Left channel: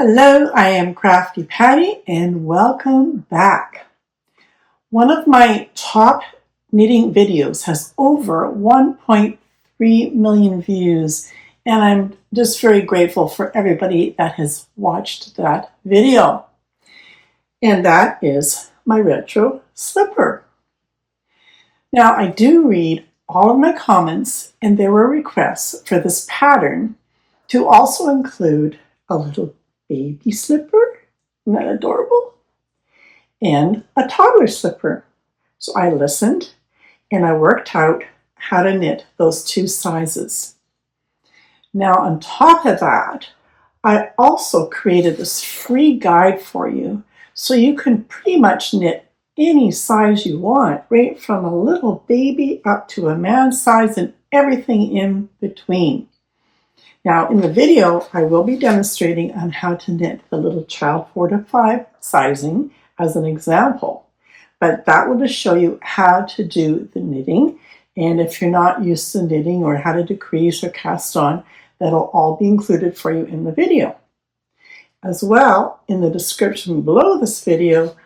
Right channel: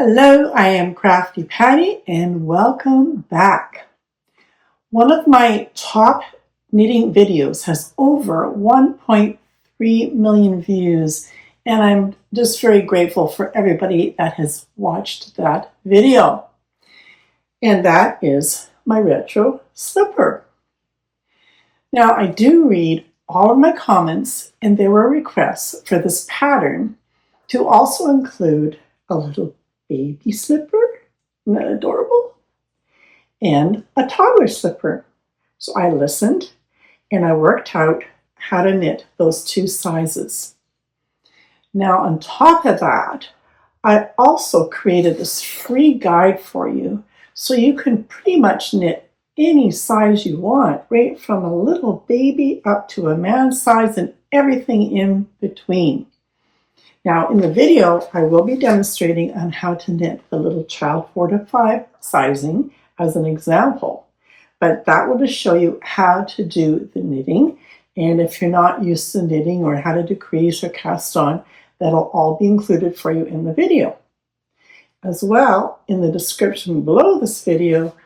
Hello, I am Crafty Patty and welcome back. One of my top knitting videos has over 1.3 million views, and I'm just very grateful for everybody that has watched that video. And that is my retro slipper. Now, I do read all of my comments, and there were requests for this pattern to also include a little baby slipper, isn't that adorable? And a toddler slipper. So I listened and I worked out how to knit those two sizes. Now on top of that, I also created this free guide for you so you can pretty much knit any size you want, right from a little baby up to a man size and everything in between. Now in the video, I will be demonstrating on how to knit the little child 4 to 5 sizing as an example, but that will just show you how to do the knitting. And if you're not used to knitting or how to decrease or cast on, that'll all be included for you in the video. As well, in the description below this video,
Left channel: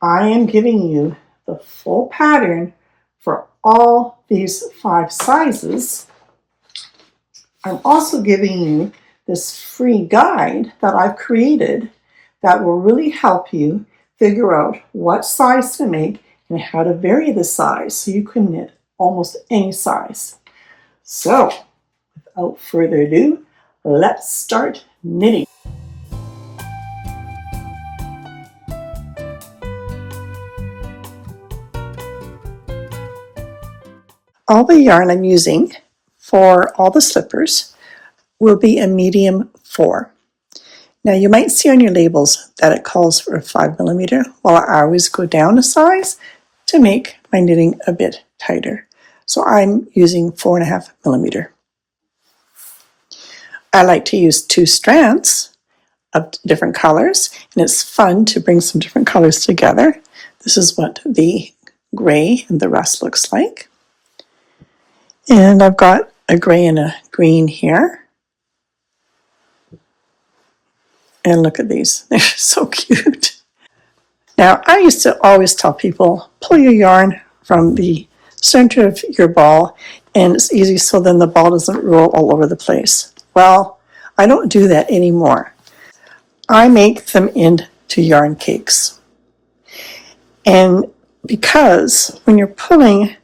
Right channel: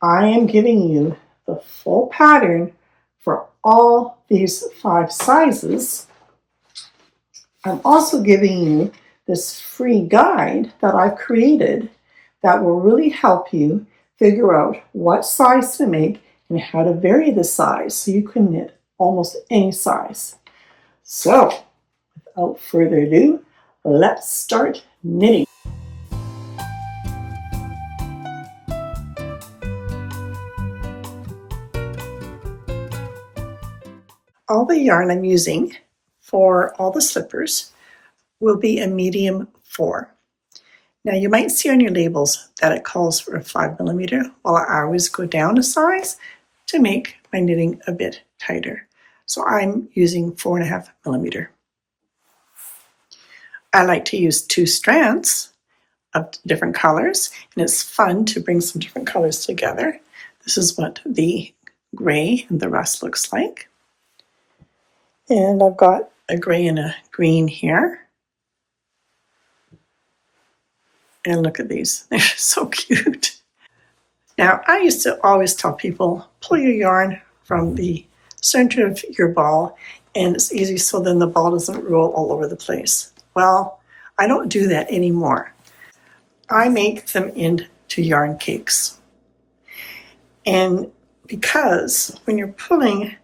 I am giving you the full pattern for all these 5 sizes. I'm also giving you this free guide that I've created that will really help you figure out what size to make and how to vary the size so you can knit almost any size. So, without further ado, let's start knitting. All the yarn I'm using for all the slippers will be a medium 4. Now you might see on your labels that it calls for a 5mm, while I always go down a size to make my knitting a bit tighter. So I'm using 4.5mm. I like to use 2 strands of different colors, and it's fun to bring some different colors together. This is what the gray and the rust looks like. And I've got a gray and a green here. And look at these, they're so cute. Now, I used to always tell people, pull your yarn from the center of your ball, and it's easy so then the ball doesn't roll all over the place. Well, I don't do that anymore. I make them into yarn cakes. And because when you're pulling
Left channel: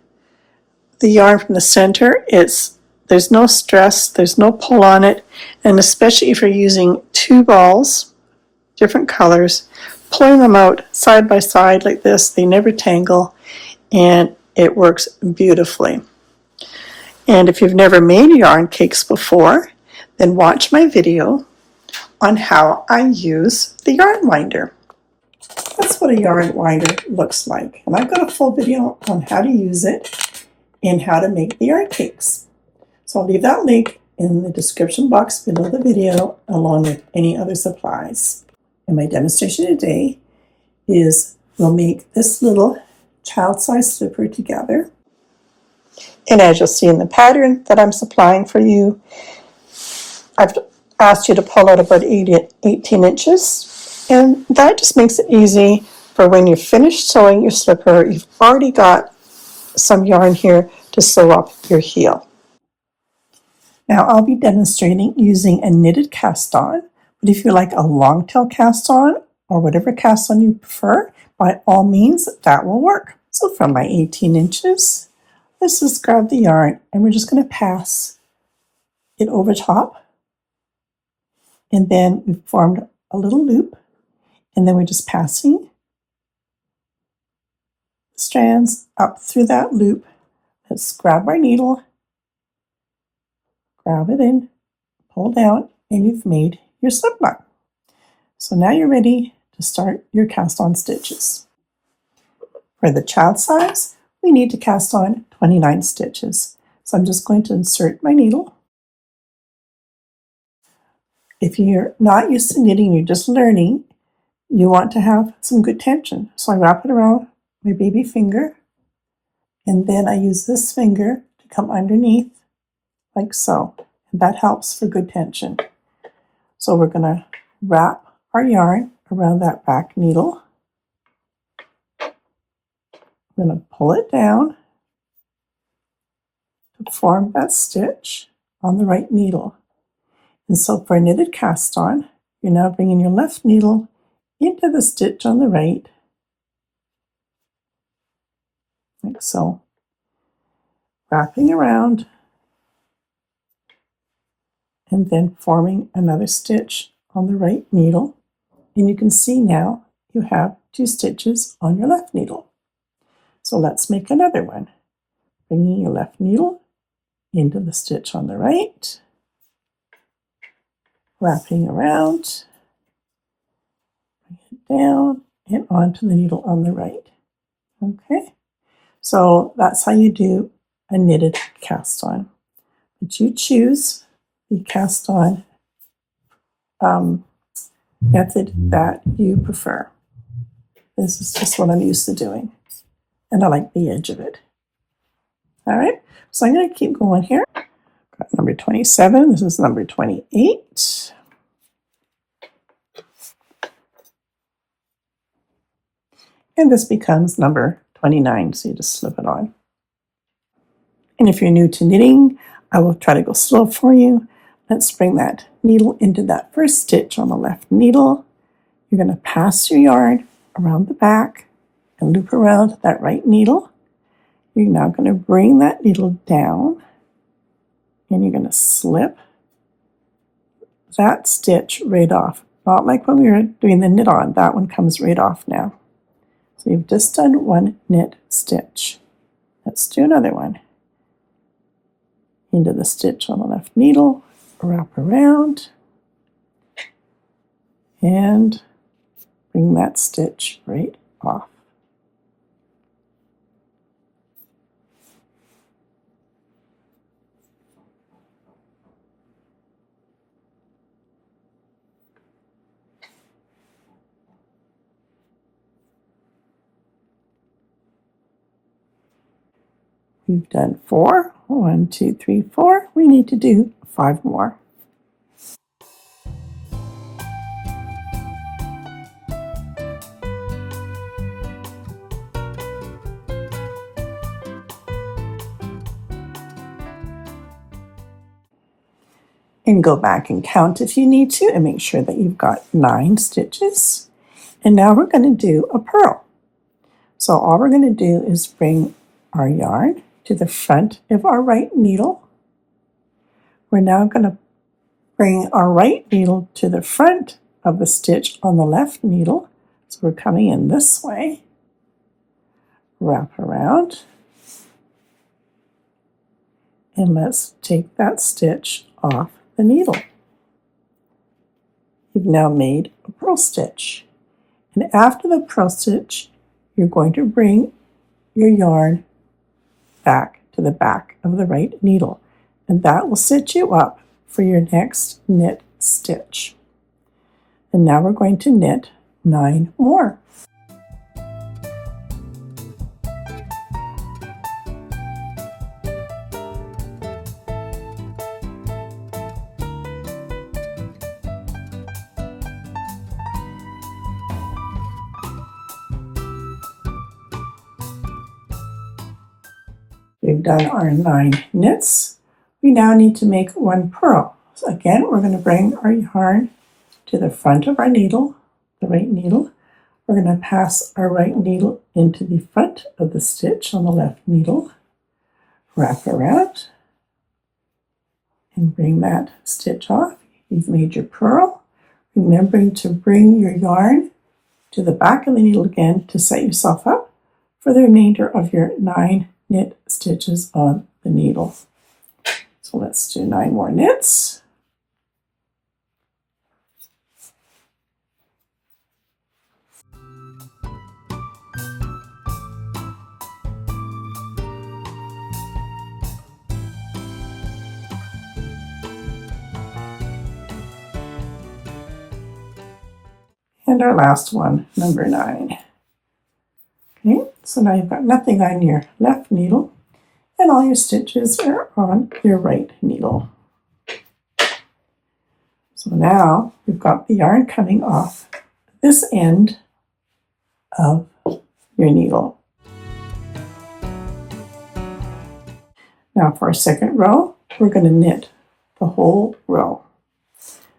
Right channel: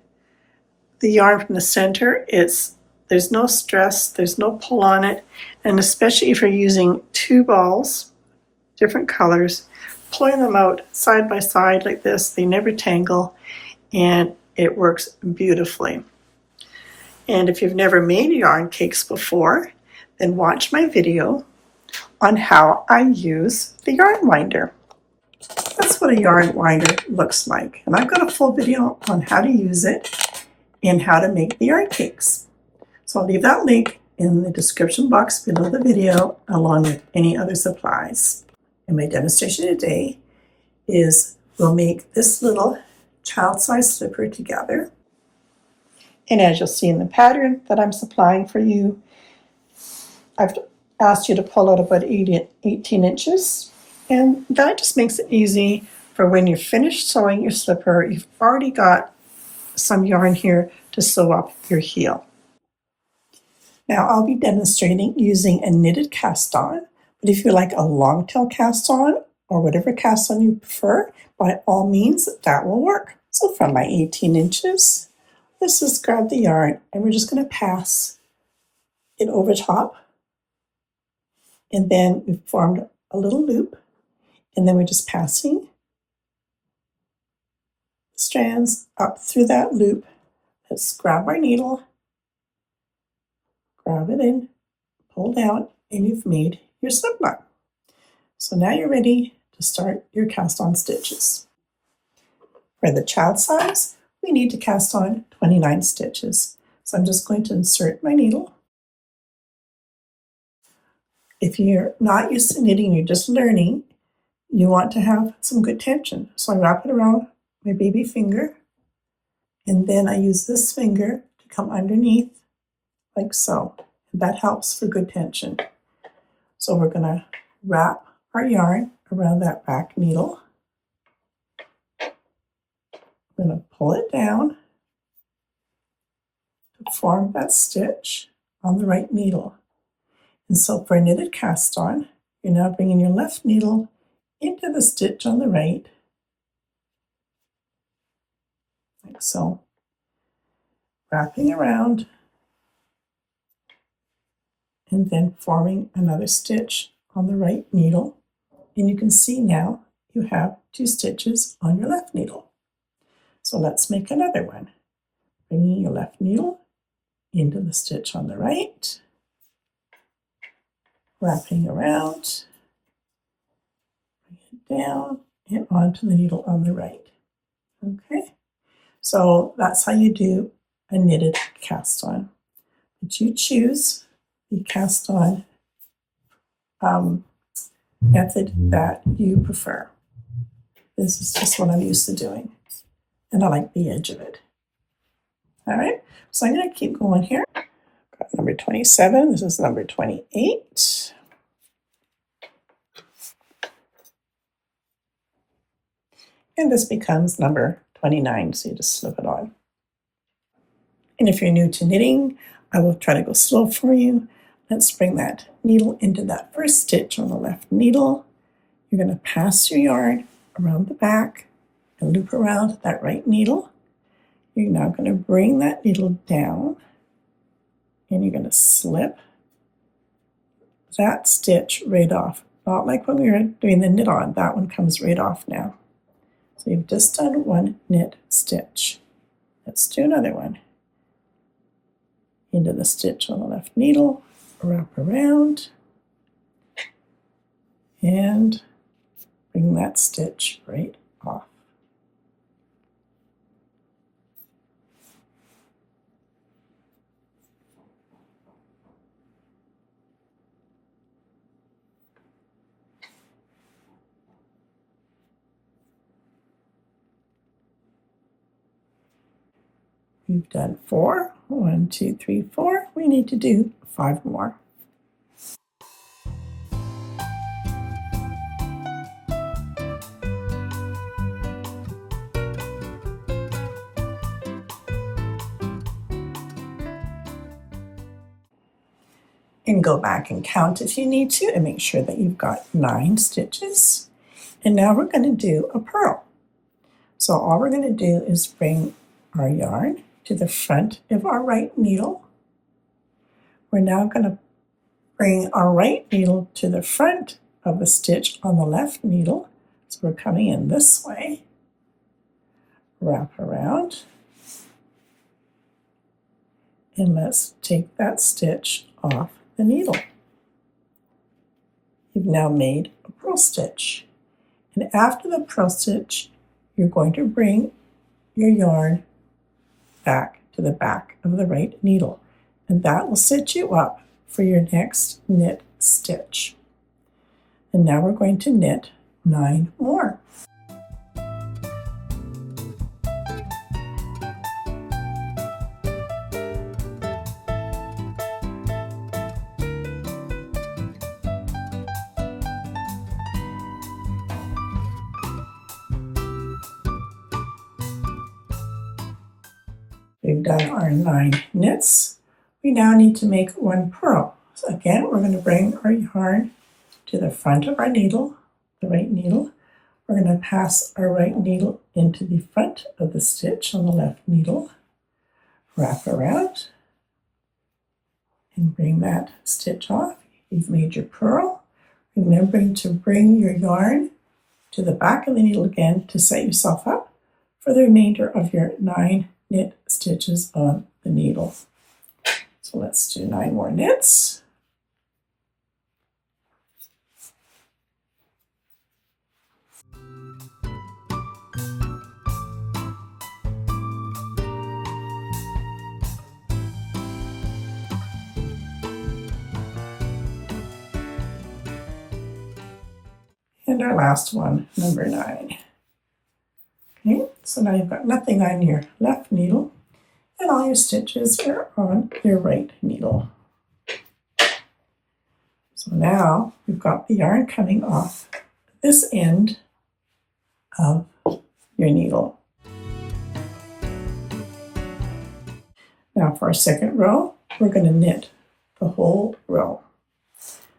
the yarn from the center, there's no stress, there's no pull on it, and especially if you're using 2 balls, different colors, pulling them out side by side like this, they never tangle, and it works beautifully. And if you've never made yarn cakes before, then watch my video on how I use the yarn winder. That's what a yarn winder looks like, and I've got a full video on how to use it and how to make the yarn cakes. So I'll leave that link in the description box below the video along with any other supplies. And my demonstration today is we'll make this little child-sized slipper together. And as you'll see in the pattern that I'm supplying for you, I've asked you to pull out about 18 inches. And that just makes it easy for when you're finished sewing your slipper, you've already got some yarn here to sew up your heel. Now I'll be demonstrating using a knitted cast on, but if you like a long tail cast on or whatever cast on you prefer, by all means that will work. So from my 18 inches, let's just grab the yarn and we're just going to pass it over top, and then we've formed a little loop, and then we're just passing strands up through that loop. Let's grab our needle, grab it in, pull down, and you've made your slip knot. So now you're ready to start your cast on stitches. For the child size, we need to cast on 29 stitches. So I'm just going to insert my needle. If you're not used to knitting, you're just learning, you want to have some good tension. So I wrap it around my baby finger, and then I use this finger to come underneath like so, and that helps for good tension. So we're going to wrap our yarn around that back needle. We're going to pull it down to form that stitch on the right needle. And so for a knitted cast on, you're now bringing your left needle into the stitch on the right, like so, wrapping around, and then forming another stitch on the right needle. And you can see now you have 2 stitches on your left needle. So let's make another one. Bringing your left needle into the stitch on the right, wrapping around, bring it down and onto the needle on the right. Okay, so that's how you do a knitted cast on. But you choose the cast on method that you prefer. This is just what I'm used to doing, and I like the edge of it. All right, so I'm going to keep going here. Got number 27, this is number 28. And this becomes number 29, so you just slip it on. And if you're new to knitting, I will try to go slow for you. Let's bring that needle into that first stitch on the left needle. You're going to pass your yarn around the back and loop around that right needle. You're now going to bring that needle down and you're going to slip that stitch right off. Not like when we were doing the knit on, that one comes right off now. So you've just done one knit stitch. Let's do another one. Into the stitch on the left needle, wrap around, and bring that stitch right off. We've done 4. 1, 2, 3, 4. We need to do 5 more. And go back and count if you need to and make sure that you've got 9 stitches. And now we're going to do a purl. So all we're going to do is bring our yarn to the front of our right needle. We're now going to bring our right needle to the front of the stitch on the left needle. So we're coming in this way. Wrap around. And let's take that stitch off the needle. You've now made a purl stitch. And after the purl stitch, you're going to bring your yarn back to the back of the right needle, and that will set you up for your next knit stitch. And now we're going to knit 9 more. We've done our 9 knits. We now need to make 1 purl. So again, we're going to bring our yarn to the front of our needle, the right needle. We're going to pass our right needle into the front of the stitch on the left needle, wrap around, and bring that stitch off. You've made your purl. Remembering to bring your yarn to the back of the needle again to set yourself up for the remainder of your 9 knit stitches on the needle. So let's do 9 more knits. And our last one, number 9. Okay, so now you've got nothing on your left needle and all your stitches are on your right needle. So So now we've got the yarn coming off this end of your needle. Now for our second row, we're going to knit the whole row.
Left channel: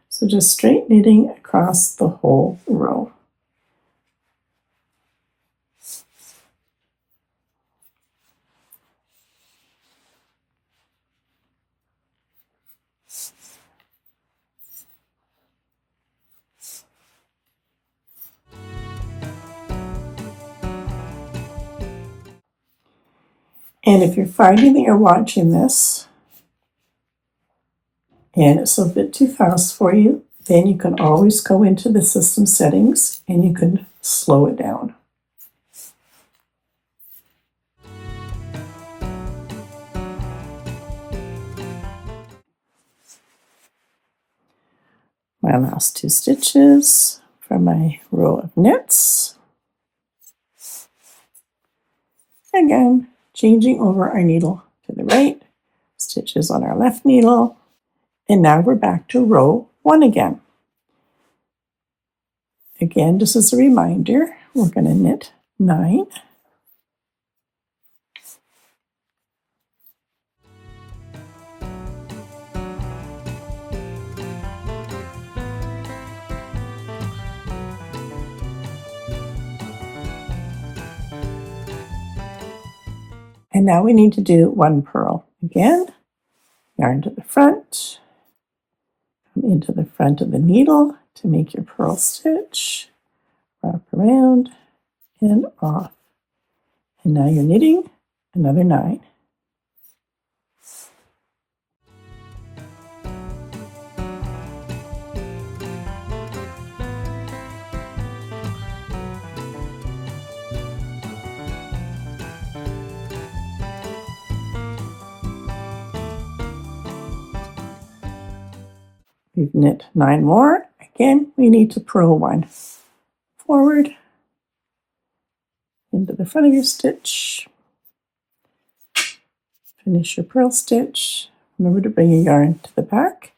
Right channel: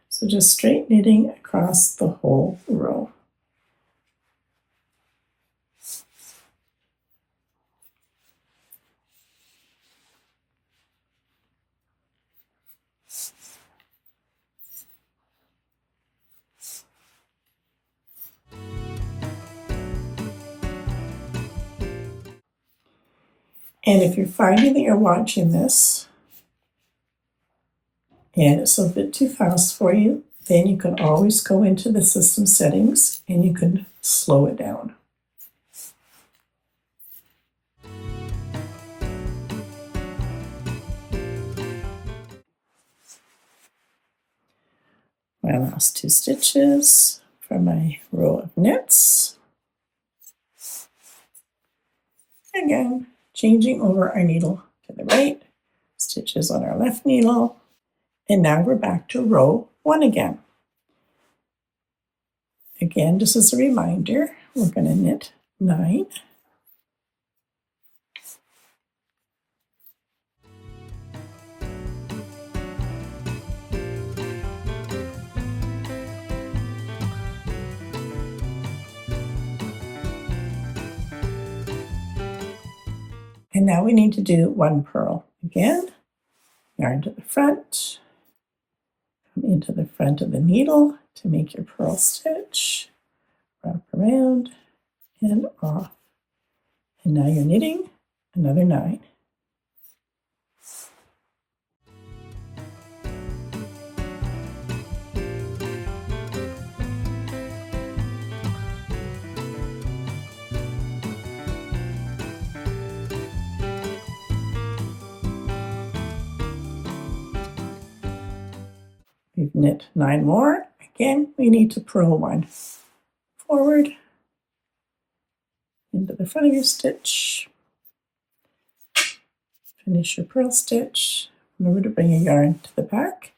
So just straight knitting across the whole row. And if you're finding that you're watching this and it's a bit too fast for you, then you can always go into the system settings and you can slow it down. My last 2 stitches for my row of knits. Again, changing over our needle to the right, stitches on our left needle, and now we're back to row 1 again. Again, just as a reminder, we're going to knit 9. And now we need to do 1 purl. Again, yarn to the front, come into the front of the needle to make your purl stitch, wrap around and off. And now you're knitting another 9. We've knit 9 more. Again, we need to purl 1. Forward, into the front of your stitch, finish your purl stitch. Remember to bring your yarn to the back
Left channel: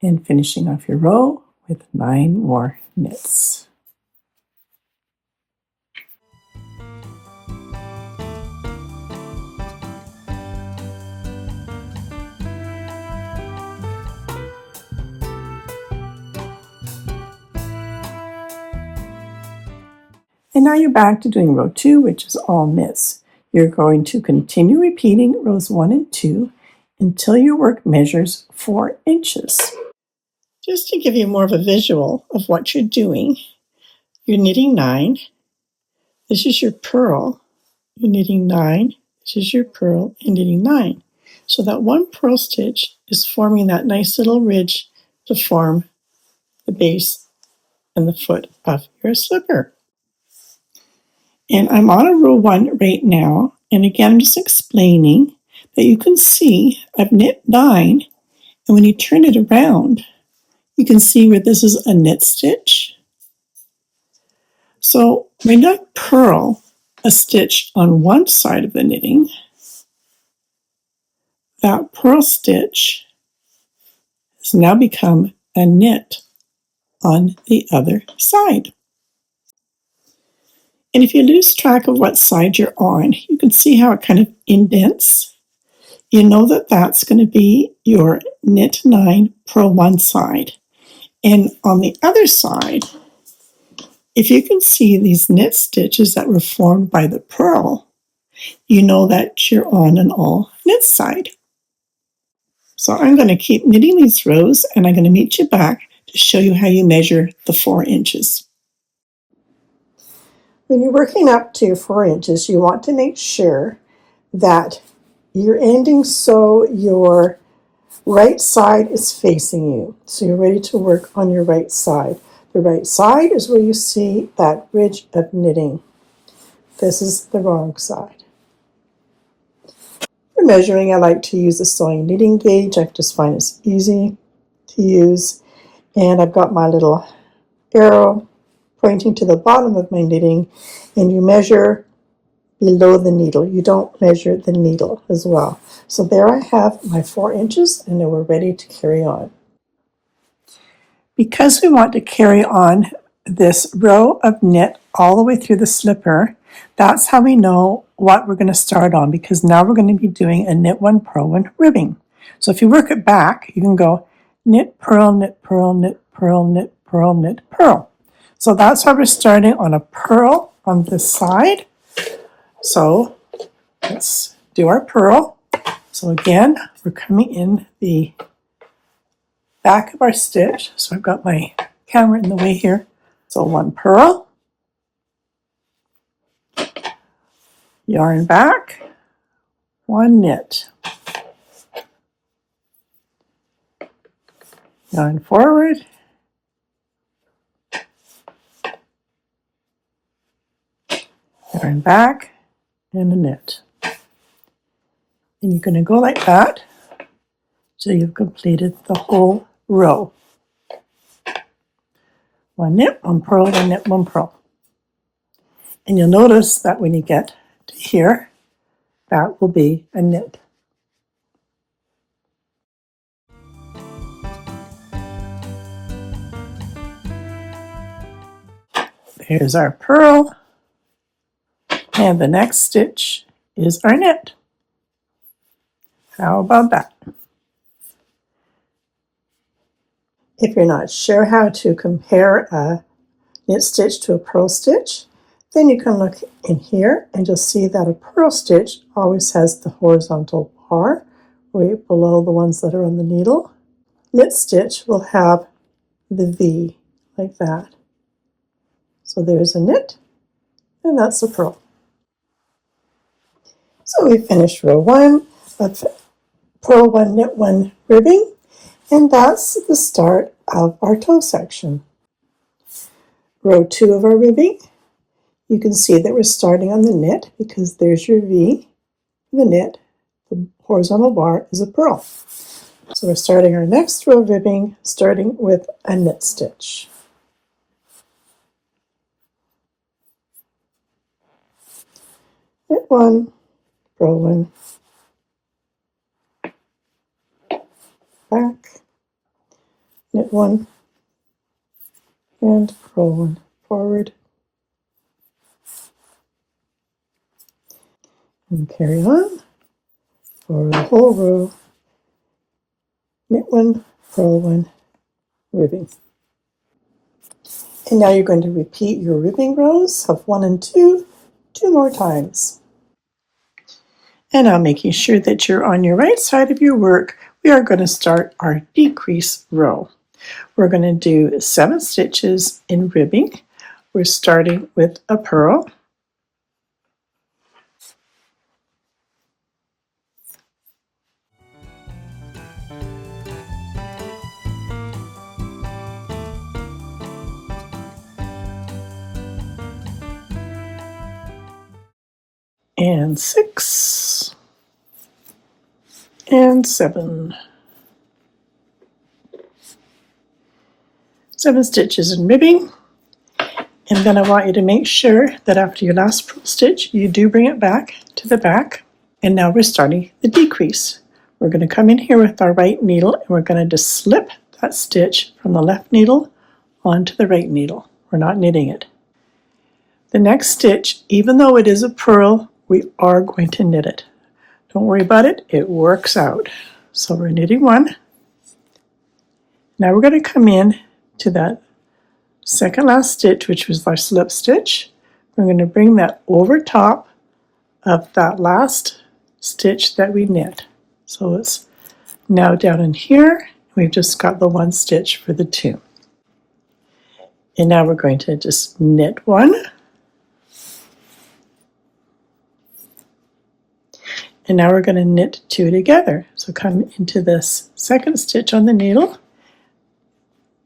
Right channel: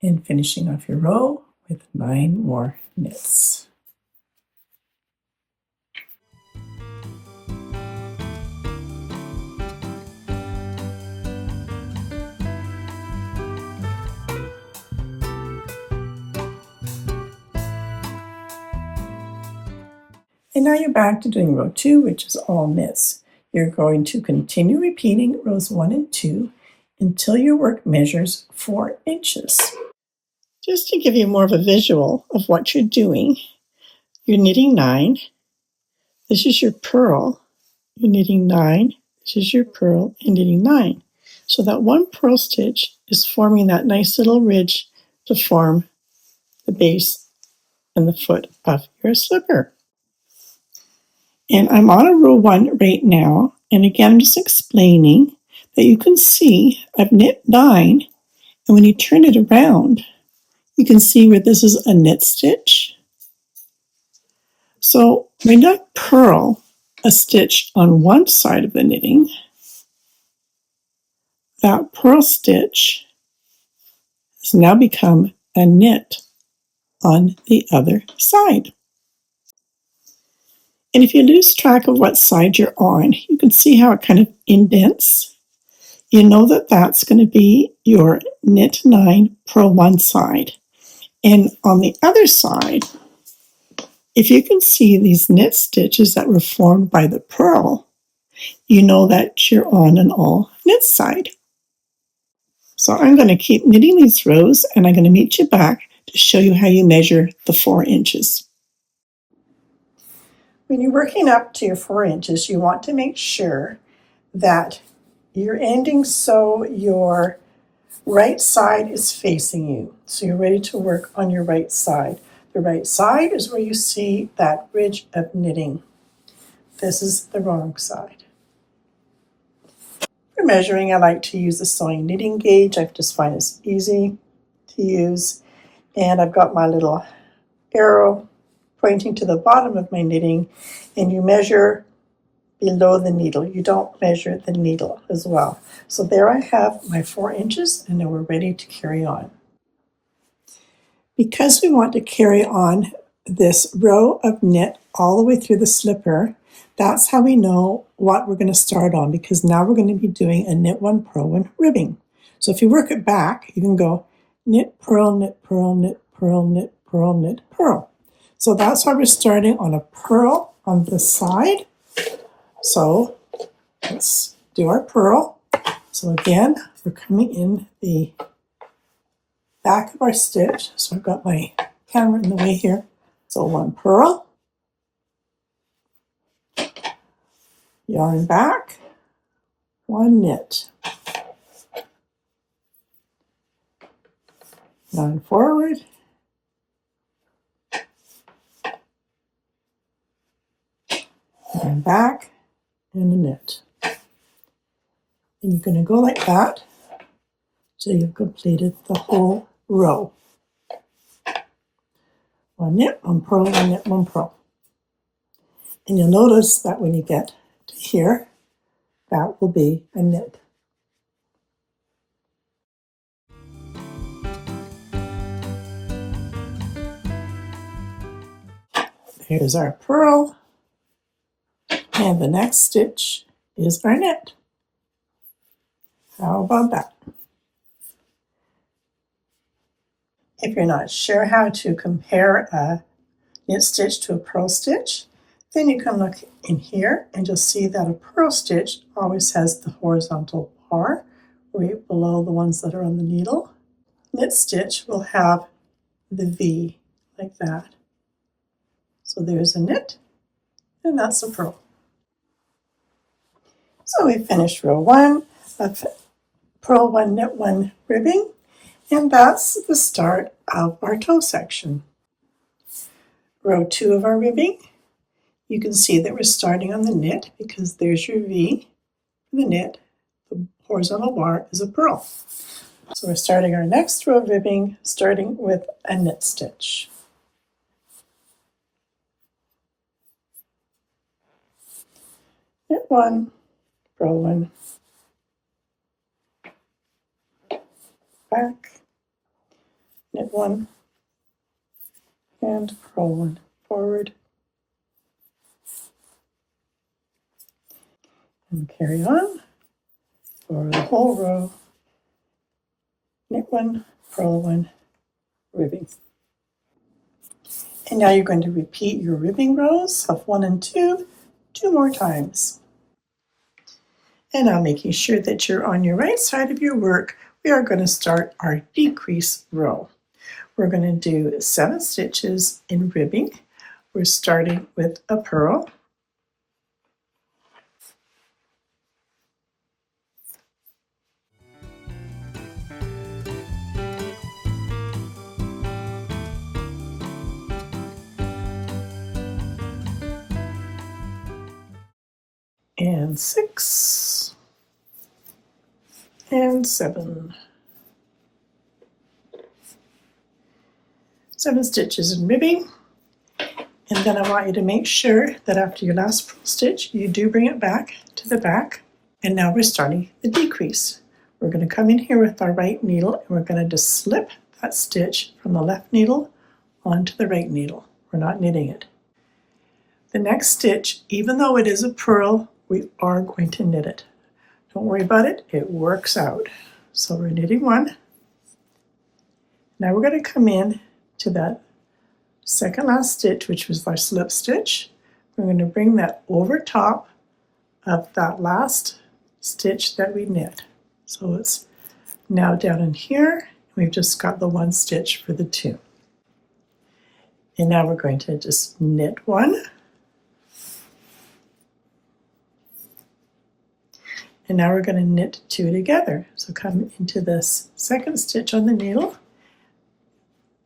and finishing off your row with 9 more knits. And now you're back to doing row 2, which is all knits. You're going to continue repeating rows 1 and 2 until your work measures 4 inches. Just to give you more of a visual of what you're doing, you're knitting 9. This is your purl. You're knitting 9. This is your purl and knitting 9. So that 1 purl stitch is forming that nice little ridge to form the base and the foot of your slipper. And I'm on a row 1 right now. And again, I'm just explaining that you can see I've knit 9. And when you turn it around, you can see where this is a knit stitch. So when I purl a stitch on one side of the knitting, that purl stitch has now become a knit on the other side. And if you lose track of what side you're on, you can see how it kind of indents. You know that that's going to be your knit 9 purl one side. And on the other side, if you can see these knit stitches that were formed by the purl, you know that you're on an all knit side. So I'm going to keep knitting these rows and I'm going to meet you back to show you how you measure the 4 inches. When you're working up to your 4 inches, you want to make sure that you're ending so your right side is facing you. So you're ready to work on your right side. The right side is where you see that ridge of knitting. This is the wrong side. For measuring, I like to use a sewing knitting gauge. I just find it's easy to use. And I've got my little arrow pointing to the bottom of my knitting, and you measure below the needle. You don't measure the needle as well. So there I have my 4 inches, and then we're ready to carry on. Because we want to carry on this row of knit all the way through the slipper, that's how we know what we're going to start on, because now we're going to be doing a knit one, purl one ribbing. So if you work it back, you can go knit, purl, knit, purl, knit, purl, knit, purl, knit, purl. So that's how we're starting on a purl on this side. So let's do our purl. So again, we're coming in the back of our stitch. So I've got my camera in the way here. So one purl, yarn back, one knit, yarn forward, yarn back, and a knit. And you're going to go like that till you've completed the whole row. One knit, one purl, one knit, one purl. And you'll notice that when you get to here, that will be a knit. Here's our purl, and the next stitch is our knit. How about that? If you're not sure how to compare a knit stitch to a purl stitch, then you can look in here and you'll see that a purl stitch always has the horizontal bar right below the ones that are on the needle. Knit stitch will have the V like that. So there's a knit, and that's a purl. So we finished row one of purl one, knit one ribbing, and that's the start of our toe section. Row two of our ribbing, you can see that we're starting on the knit because there's your V, the knit, the horizontal bar is a purl. So we're starting our next row of ribbing, starting with a knit stitch. Knit one, purl one, back, knit one, and purl one forward, and carry on for the whole row. Knit one, purl one, ribbing. And now you're going to repeat your ribbing rows of 1 and 2 more times. And now, making sure that you're on your right side of your work, we are going to start our decrease row. We're going to do 7 stitches in ribbing. We're starting with a purl, and 6 and 7. 7 stitches in ribbing, and then I want you to make sure that after your last purl stitch you do bring it back to the back. And now we're starting the decrease. We're going to come in here with our right needle and we're going to just slip that stitch from the left needle onto the right needle. We're not knitting it. The next stitch, even though it is a purl, we are going to knit it. Don't worry about it, it works out. So we're knitting one. Now we're going to come in to that second last stitch, which was our slip stitch. We're going to bring that over top of that last stitch that we knit. So it's now down in here. We've just got the 1 stitch for the 2. And now we're going to just knit one. And now we're going to knit 2 together. So come into this second stitch on the needle,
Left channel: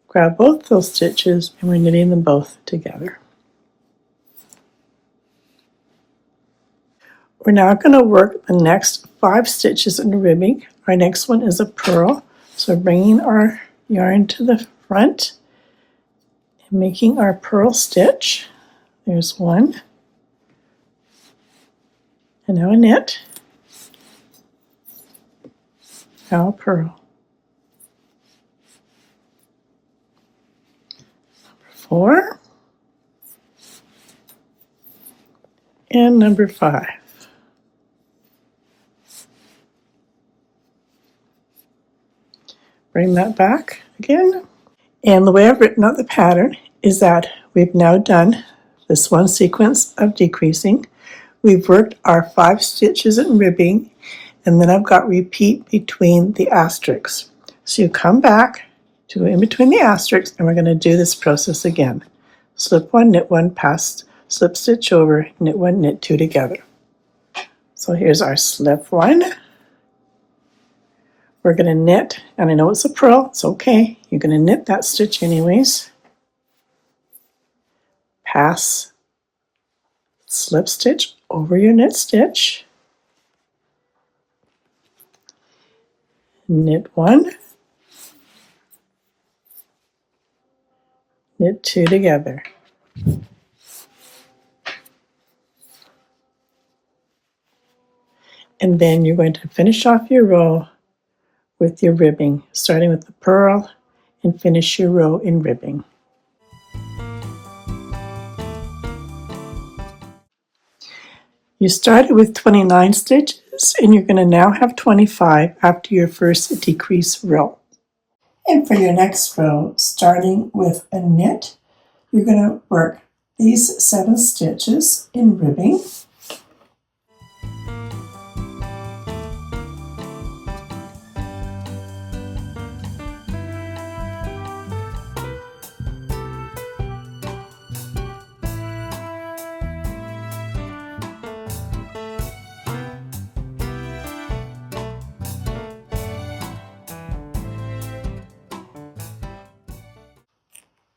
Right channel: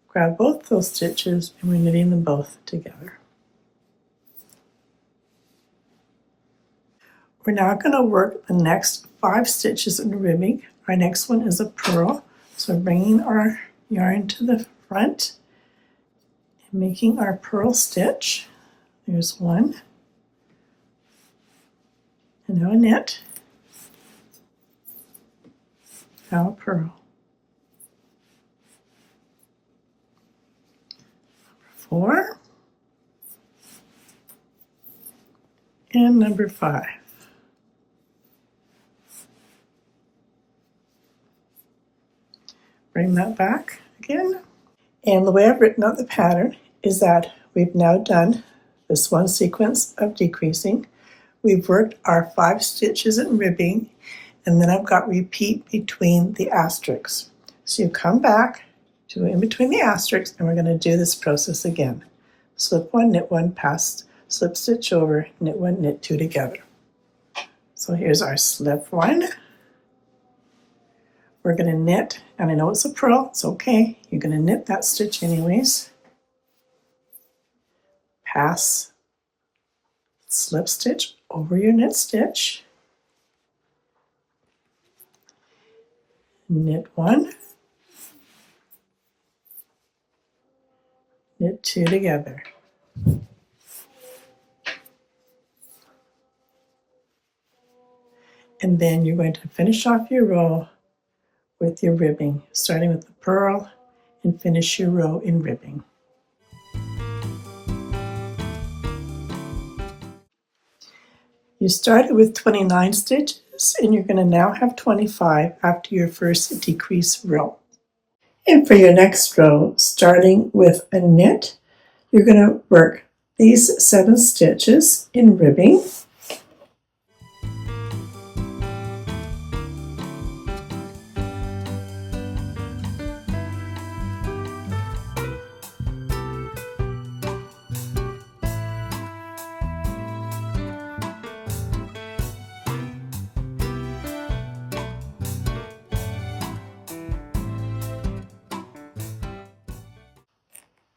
grab both those stitches, and we're knitting them both together. We're now going to work the next 5 stitches in the ribbing. Our next one is a purl. So bringing our yarn to the front and making our purl stitch. There's one. And now a knit. Now a purl. 4 and number 5. Bring that back again. And the way I've written out the pattern is that we've now done this one sequence of decreasing. We've worked our 5 stitches in ribbing, and then I've got repeat between the asterisks. So you come back to in between the asterisks, and we're going to do this process again. Slip 1, knit 1, pass, slip stitch over, knit 1, knit 2 together. So here's our slip 1. We're going to knit, and I know it's a purl, it's okay. You're going to knit that stitch anyways. Pass, slip stitch over your knit stitch. Knit 1, knit 2 together. And then you're going to finish off your row with your ribbing, starting with the purl and finish your row in ribbing. You started with 29 stitches and you're going to now have 25 after your first decrease row. And for your next row, starting with a knit, you're going to work these 7 stitches in ribbing.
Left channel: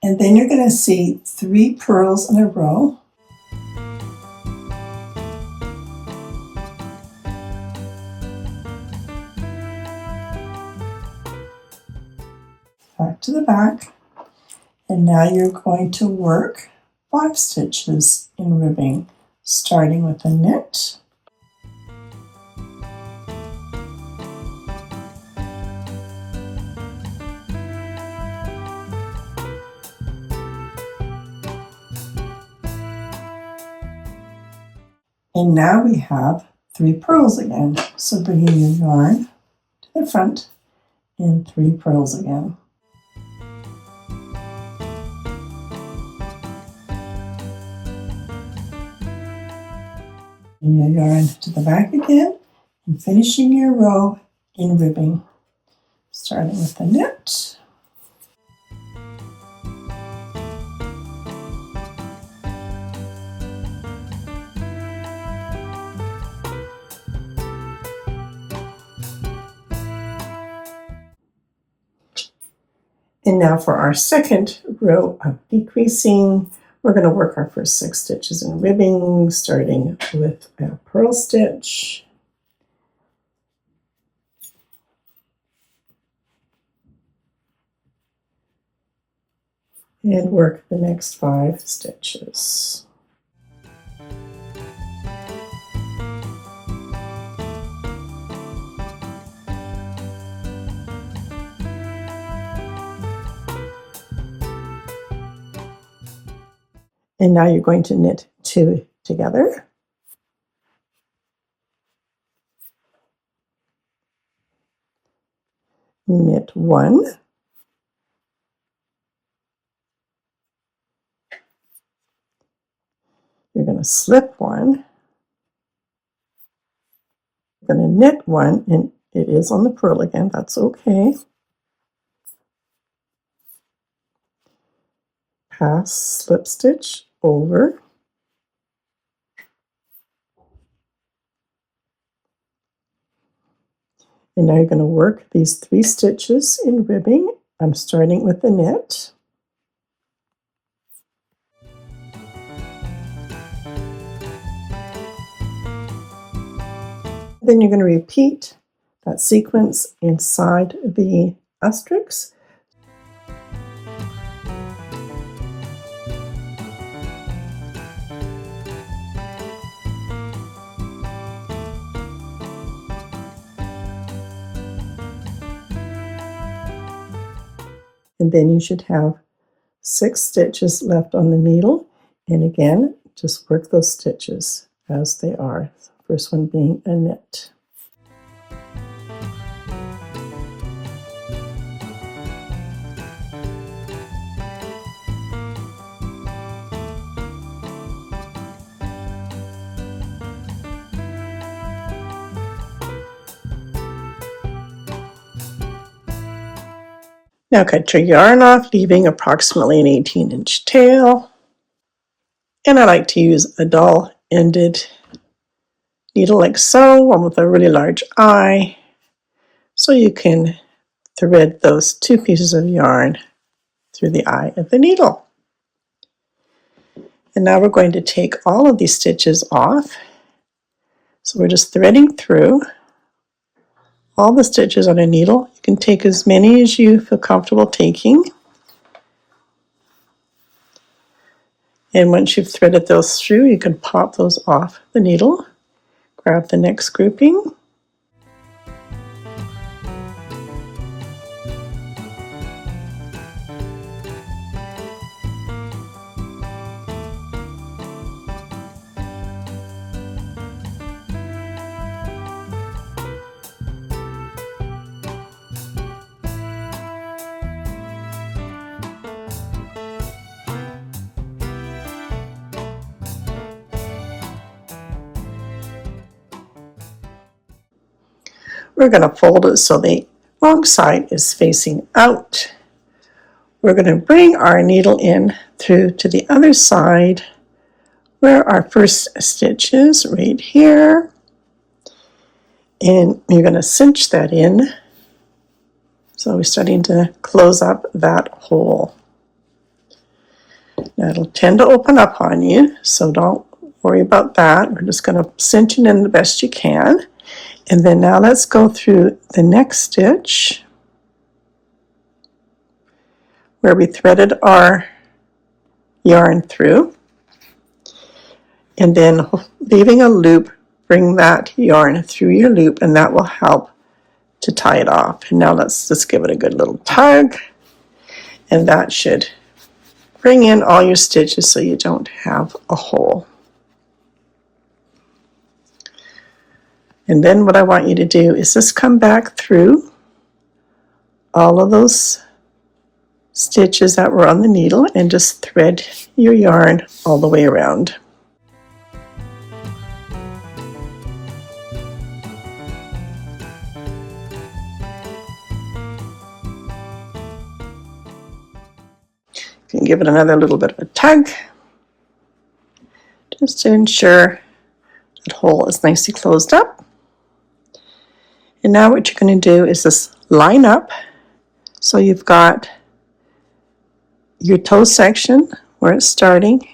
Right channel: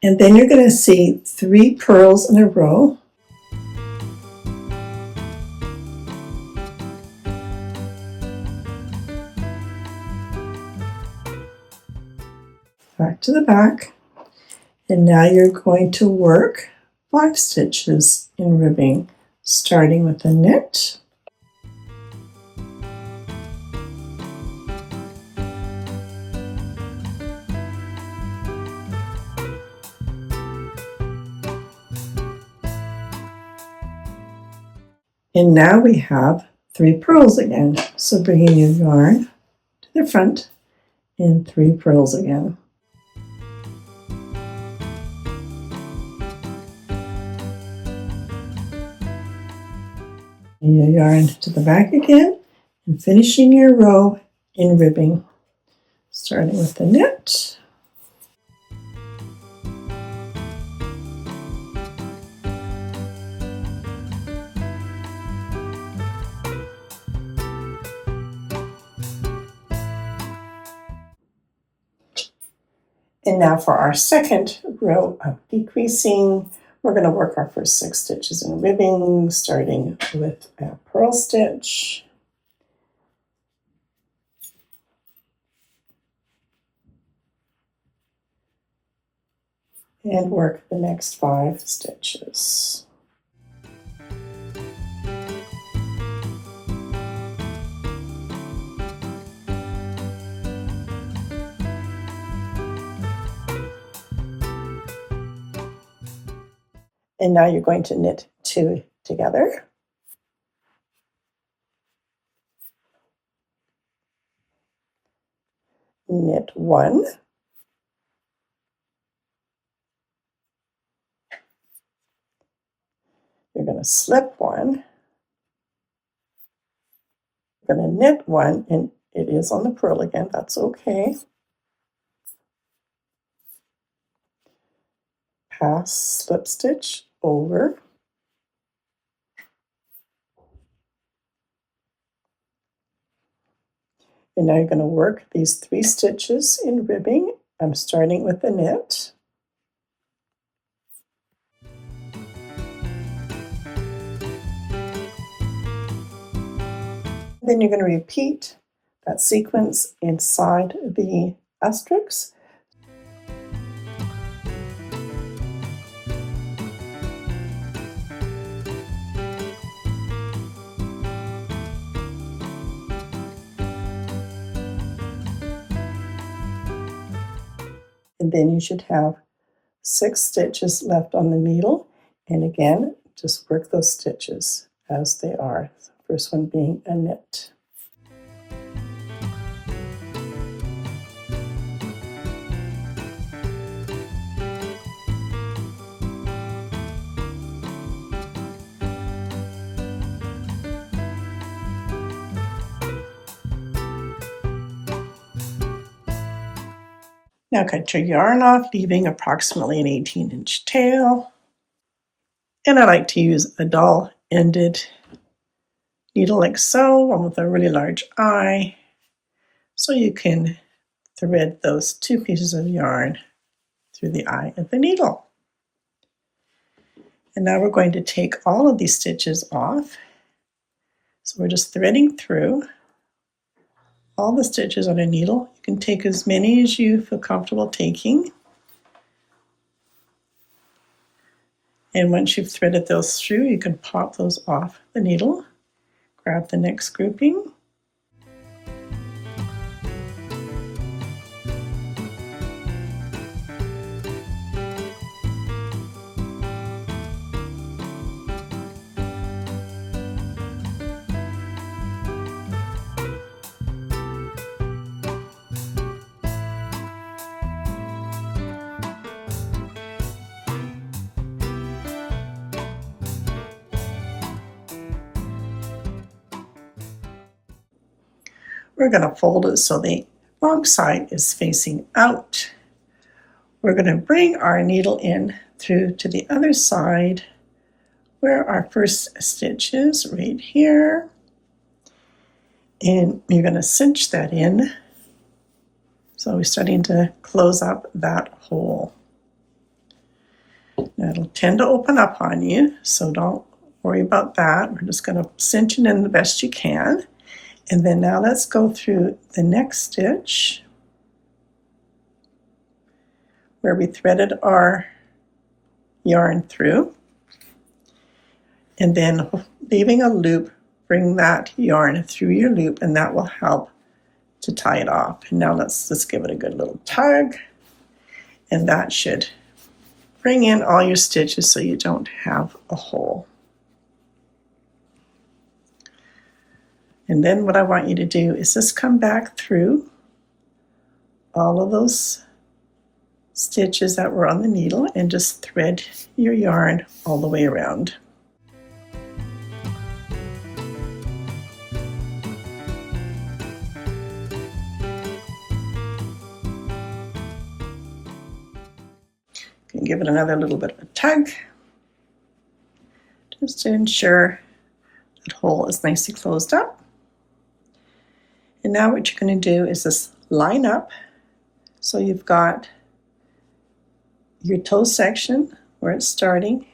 And then you're going to see 3 purls in a row. Back to the back. And now you're going to work 5 stitches in ribbing, starting with a knit. And now we have 3 purls again. So bringing your yarn to the front and 3 purls again. Bring your yarn to the back again and finishing your row in ribbing, starting with the knit. And now for our second row of decreasing, we're going to work our first 6 stitches in ribbing, starting with a purl stitch. And work the next 5 stitches. And now you're going to knit 2 together. Knit 1. You're going to slip 1. You're going to knit 1, and it is on the purl again, that's okay. Pass, slip stitch over. And now you're going to work these 3 stitches in ribbing. I'm starting with the knit. Then you're going to repeat that sequence inside the asterisks. And then you should have 6 stitches left on the needle, and again, just work those stitches as they are. First one being a knit. Now cut your yarn off, leaving approximately an 18-inch tail. And I like to use a dull-ended needle like so, one with a really large eye, so you can thread those 2 pieces of yarn through the eye of the needle. And now we're going to take all of these stitches off. So we're just threading through all the stitches on a needle. You can take as many as you feel comfortable taking. And once you've threaded those through, you can pop those off the needle. Grab the next grouping. We're going to fold it so the wrong side is facing out. We're going to bring our needle in through to the other side where our first stitch is, right here. And you're going to cinch that in. So we're starting to close up that hole. Now it'll tend to open up on you, so don't worry about that. We're just going to cinch it in the best you can. And then now let's go through the next stitch where we threaded our yarn through. And then leaving a loop, bring that yarn through your loop, and that will help to tie it off. And now let's just give it a good little tug. And that should bring in all your stitches so you don't have a hole. And then what I want you to do is just come back through all of those stitches that were on the needle and just thread your yarn all the way around. You can give it another little bit of a tug just to ensure that hole is nicely closed up. And now what you're going to do is just line up so you've got your toe section where it's starting,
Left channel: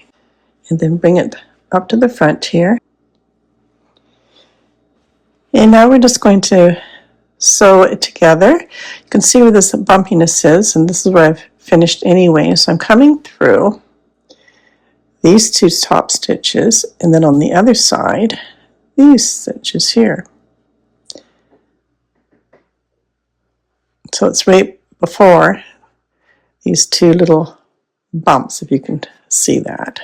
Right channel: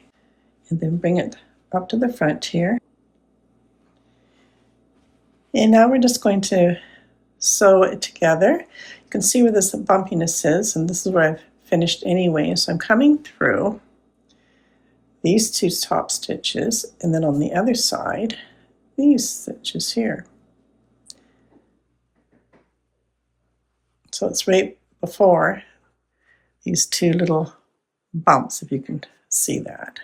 and then bring it up to the front here. And now we're just going to sew it together. You can see where this bumpiness is, and this is where I've finished anyway. So I'm coming through these 2 top stitches, and then on the other side, these stitches here. So it's right before these 2 little bumps, if you can see that.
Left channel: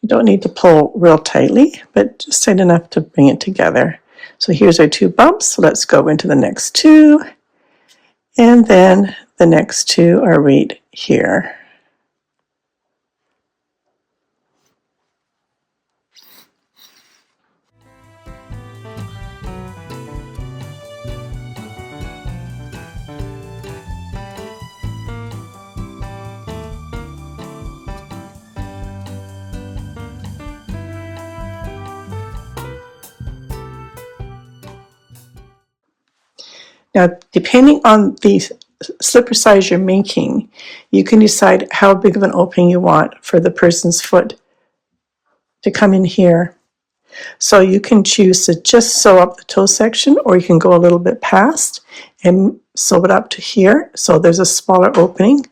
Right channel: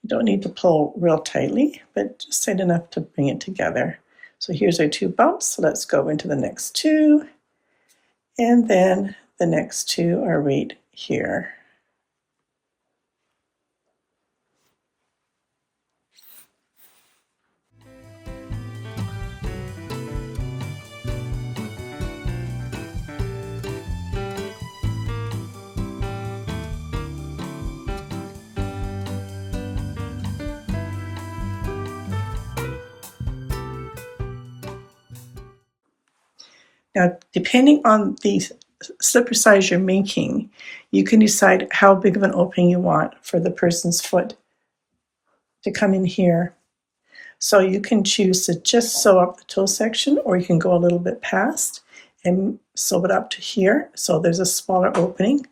You don't need to pull real tightly, but just tight enough to bring it together. So here's our 2 bumps. So let's go into the next 2. And then the next 2 are right here. Now, depending on the slipper size you're making, you can decide how big of an opening you want for the person's foot to come in here. So you can choose to just sew up the toe section, or you can go a little bit past and sew it up to here. So there's a smaller opening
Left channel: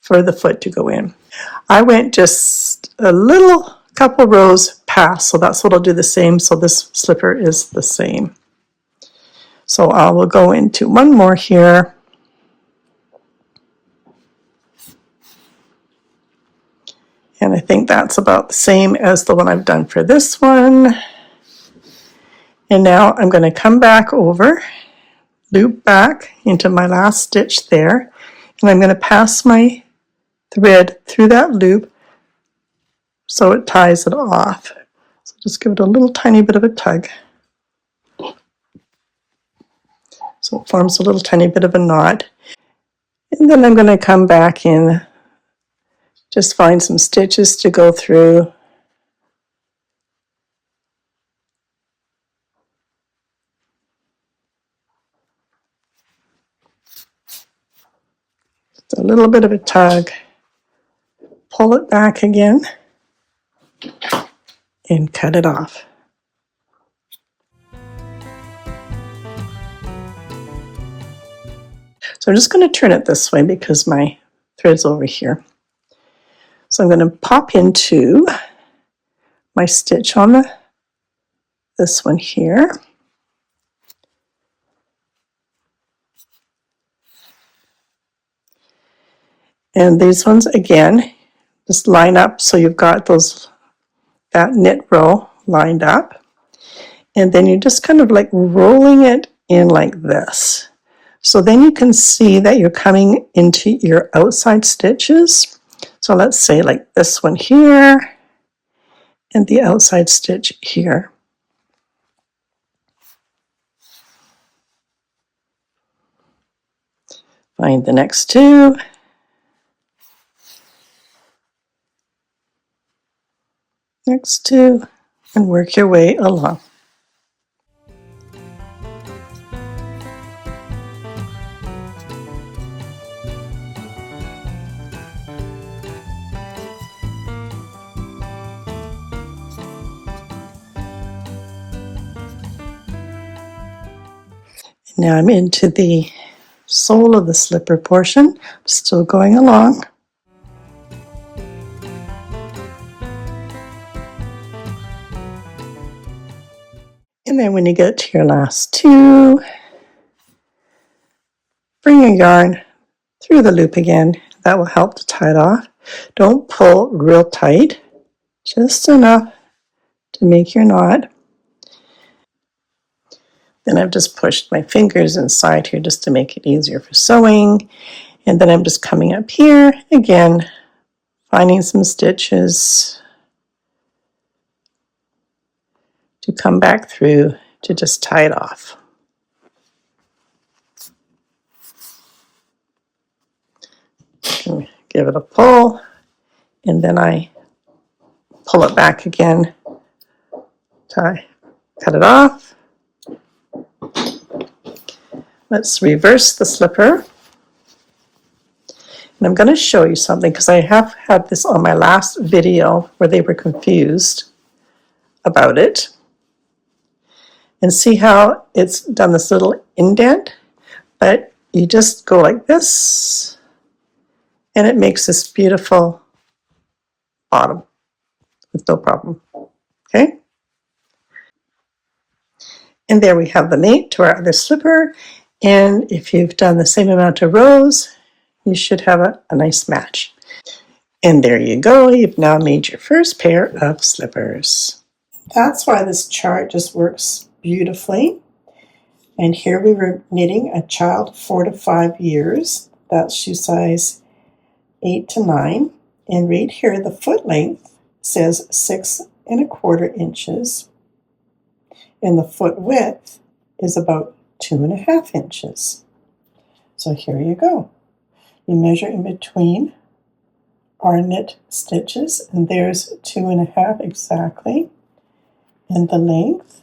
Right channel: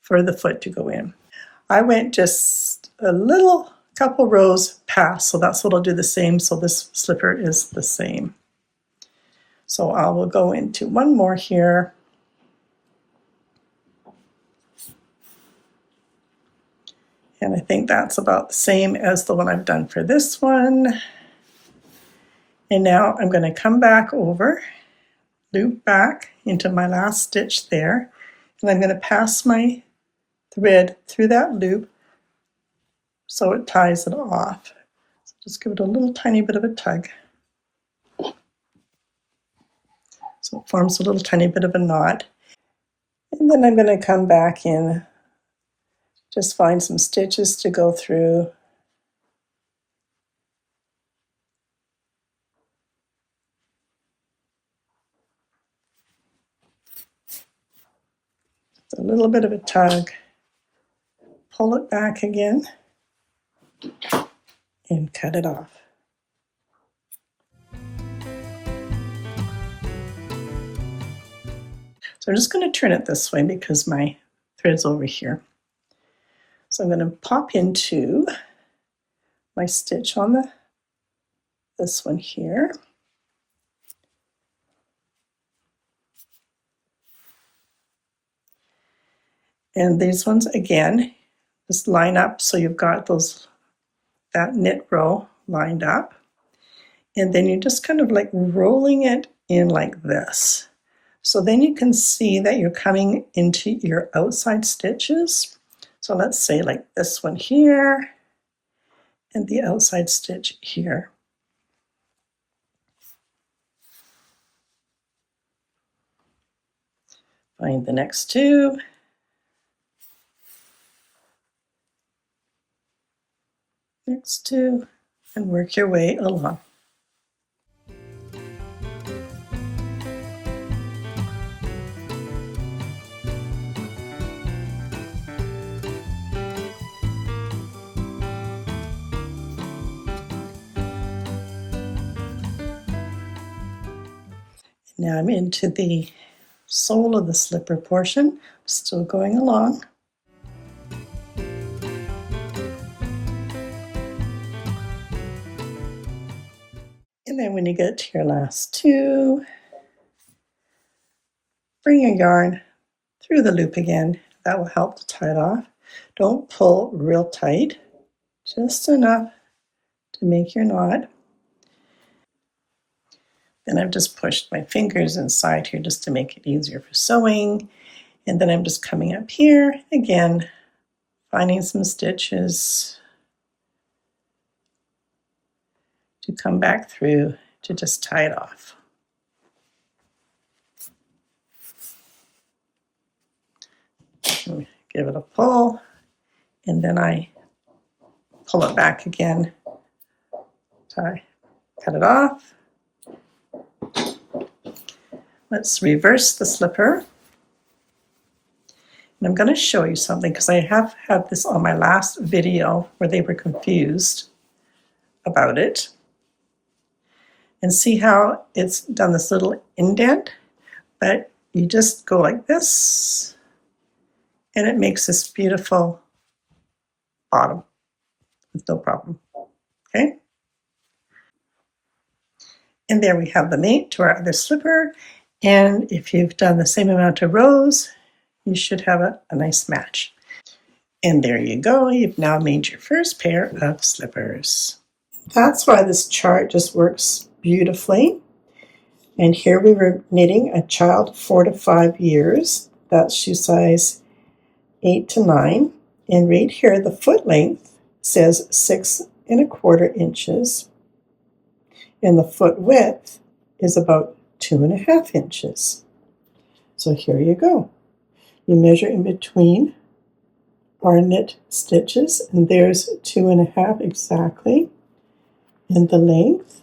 for the foot to go in. I went just a little couple rows past, so that's what I'll do the same. So this slipper is the same. So I will go into one more here. And I think that's about the same as the one I've done for this one. And now I'm going to come back over, loop back into my last stitch there, and I'm going to pass my thread through that loop so it ties it off. So just give it a little tiny bit of a tug. So it forms a little tiny bit of a knot. And then I'm going to come back in, just find some stitches to go through. Just a little bit of a tug, pull it back again, and cut it off. So I'm just going to turn it this way because my thread's over here. So I'm going to pop into my stitch on this one here. And these ones, again, just line up so you've got that knit row lined up. And then you're just kind of like rolling it in like this. So then you can see that you're coming into your outside stitches. So let's say like this one here and the outside stitch here. Find the next two. Next two, and work your way along. Now I'm into the sole of the slipper portion, still going along. And then when you get to your last two, bring your yarn through the loop again. That will help to tie it off. Don't pull real tight, just enough to make your knot. Then I've just pushed my fingers inside here just to make it easier for sewing. And then I'm just coming up here again, finding some stitches to come back through to just tie it off. And give it a pull, and then I pull it back again, cut it off. Let's reverse the slipper. And I'm going to show you something because I have had this on my last video where they were confused about it. And see how it's done this little indent? But you just go like this, and it makes this beautiful bottom with no problem. Okay? And there we have the mate to our other slipper. And if you've done the same amount of rows, you should have a nice match. And there you go. You've now made your first pair of slippers. That's why this chart just works beautifully. And here we were knitting a child 4 to 5 years. That's shoe size 8 to 9. And right here, the foot length says 6 1/4 inches. And the foot width is about 2.5 inches. So here you go. You measure in between our knit stitches, and there's 2.5 exactly. And the length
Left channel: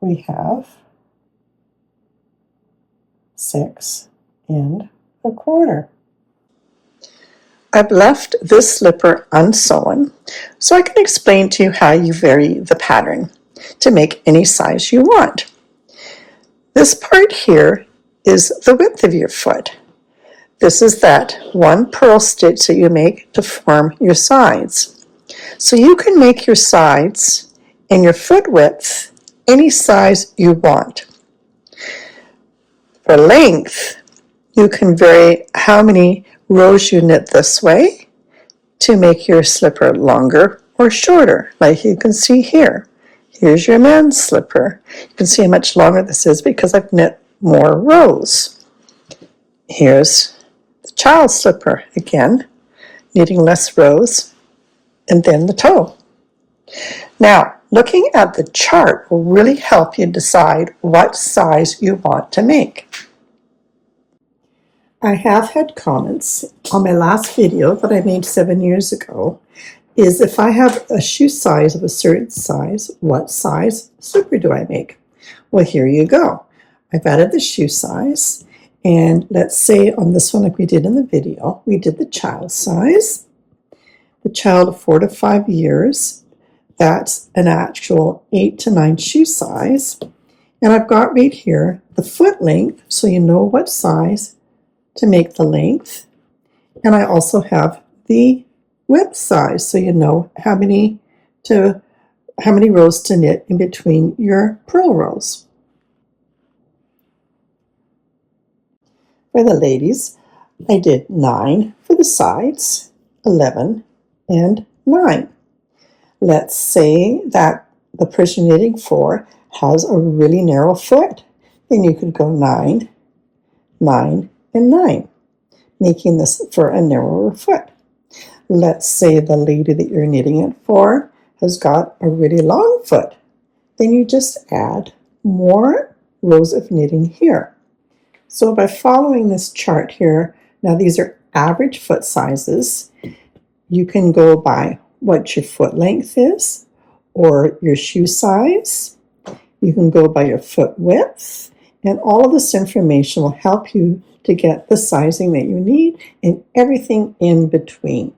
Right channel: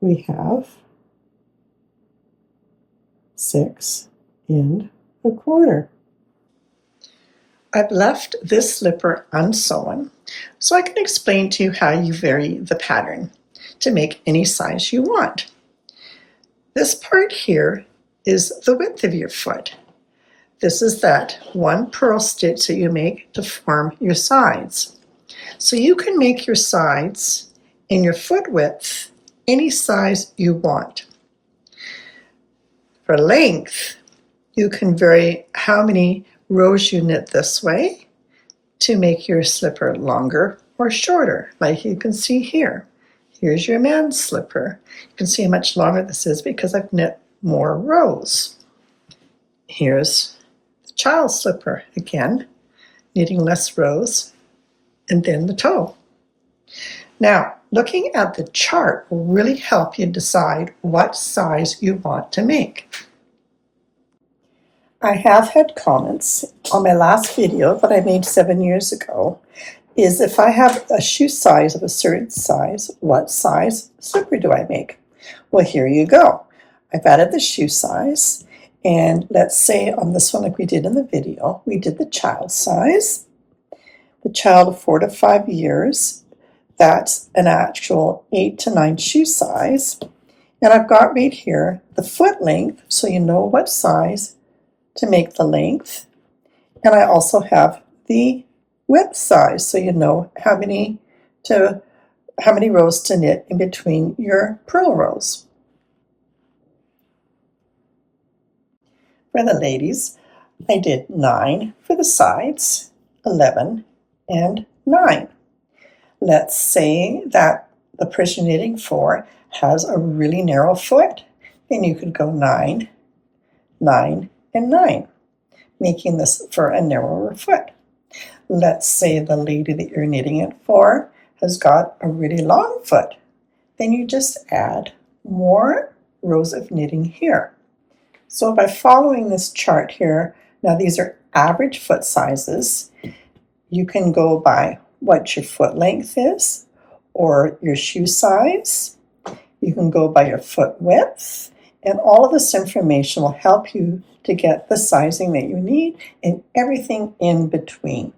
we have 6 1/4. I've left this slipper unsewn so I can explain to you how you vary the pattern to make any size you want. This part here is the width of your foot. This is that one purl stitch that you make to form your sides. So you can make your sides and your foot width any size you want. For length, you can vary how many rows you knit this way to make your slipper longer or shorter, like you can see here. Here's your man's slipper. You can see how much longer this is because I've knit more rows. Here's the child's slipper again, knitting less rows, and then the toe. Now, looking at the chart will really help you decide what size you want to make. I have had comments on my last video that I made 7 years ago, is if I have a shoe size of a certain size, what size slipper do I make? Well, here you go. I've added the shoe size, and let's say on this one, like we did in the video, we did the child size. The child of 4 to 5 years, that's an actual 8 to 9 shoe size. And I've got right here the foot length, so you know what size to make the length. And I also have the width size, so you know how many rows to knit in between your purl rows. For the ladies, I did 9 for the sides, 11 and 9. Let's say that the person knitting for has a really narrow foot, then you could go 9, 9, and 9, making this for a narrower foot. Let's say the lady that you're knitting it for has got a really long foot, then you just add more rows of knitting here. So by following this chart here, now these are average foot sizes, you can go by what your foot length is or your shoe size. You can go by your foot width, and all of this information will help you to get the sizing that you need and everything in between.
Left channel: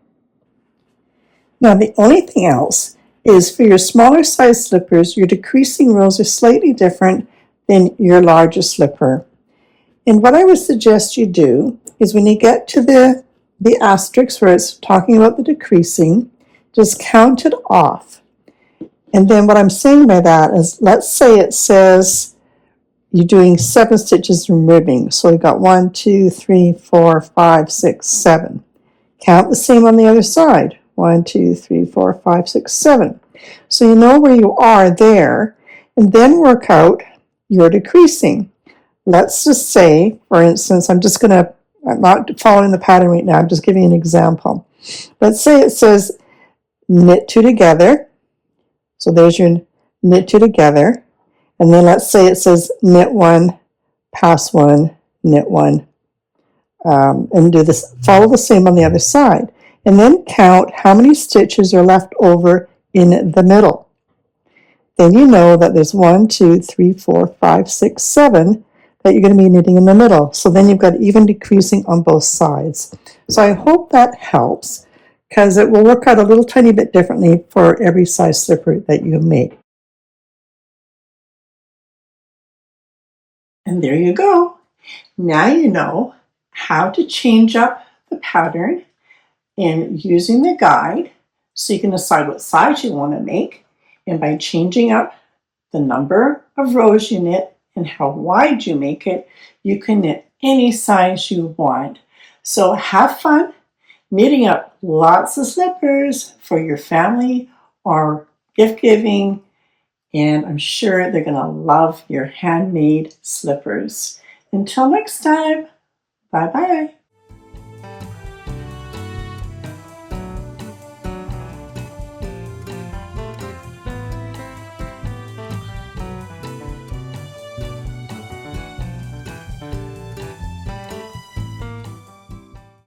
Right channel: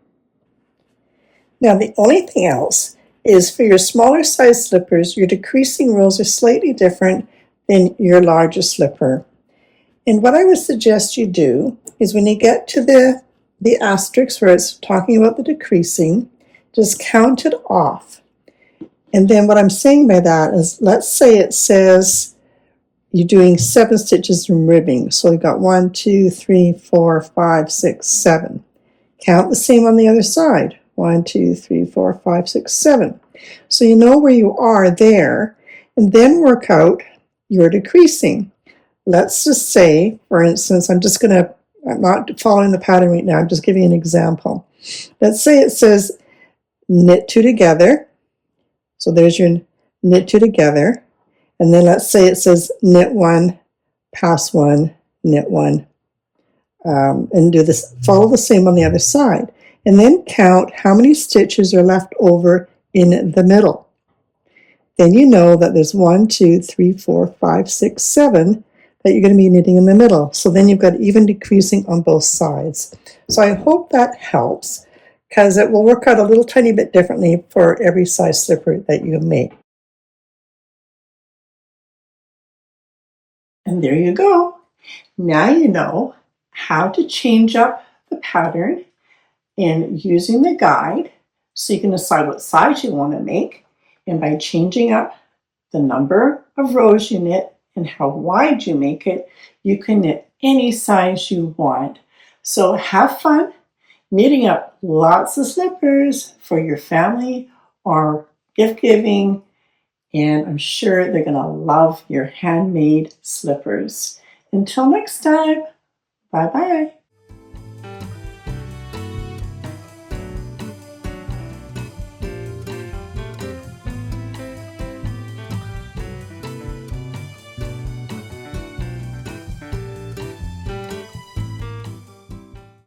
Now the only thing else is for your smaller size slippers, your decreasing rows are slightly different than your larger slipper. And what I would suggest you do is when you get to the asterisk where it's talking about the decreasing, just count it off. And then what I'm saying by that is, let's say it says you're doing 7 stitches in ribbing. So you've got 1, 2, 3, 4, 5, 6, 7. Count the same on the other side. 1, 2, 3, 4, 5, 6, 7. So you know where you are there, and then work out your decreasing. Let's just say, for instance, I'm not following the pattern right now, I'm just giving you an example. Let's say it says knit 2 together. So there's your knit 2 together. And then let's say it says knit 1, pass 1, knit 1, and do this, follow the same on the other side. And then count how many stitches are left over in the middle. Then you know that there's 1, 2, 3, 4, 5, 6, 7 that you're going to be knitting in the middle. So then you've got even decreasing on both sides. So I hope that helps, because it will work out a little tiny bit differently for every size slipper that you make. And there you go. Now you know how to change up the pattern in using the guide, so you can decide what size you want to make. And by changing up the number of rows you knit and how wide you make it, you can knit any size you want. So have fun knitting up lots of slippers for your family or gift giving, and I'm sure they're going to love your handmade slippers. Until next time, bye-bye.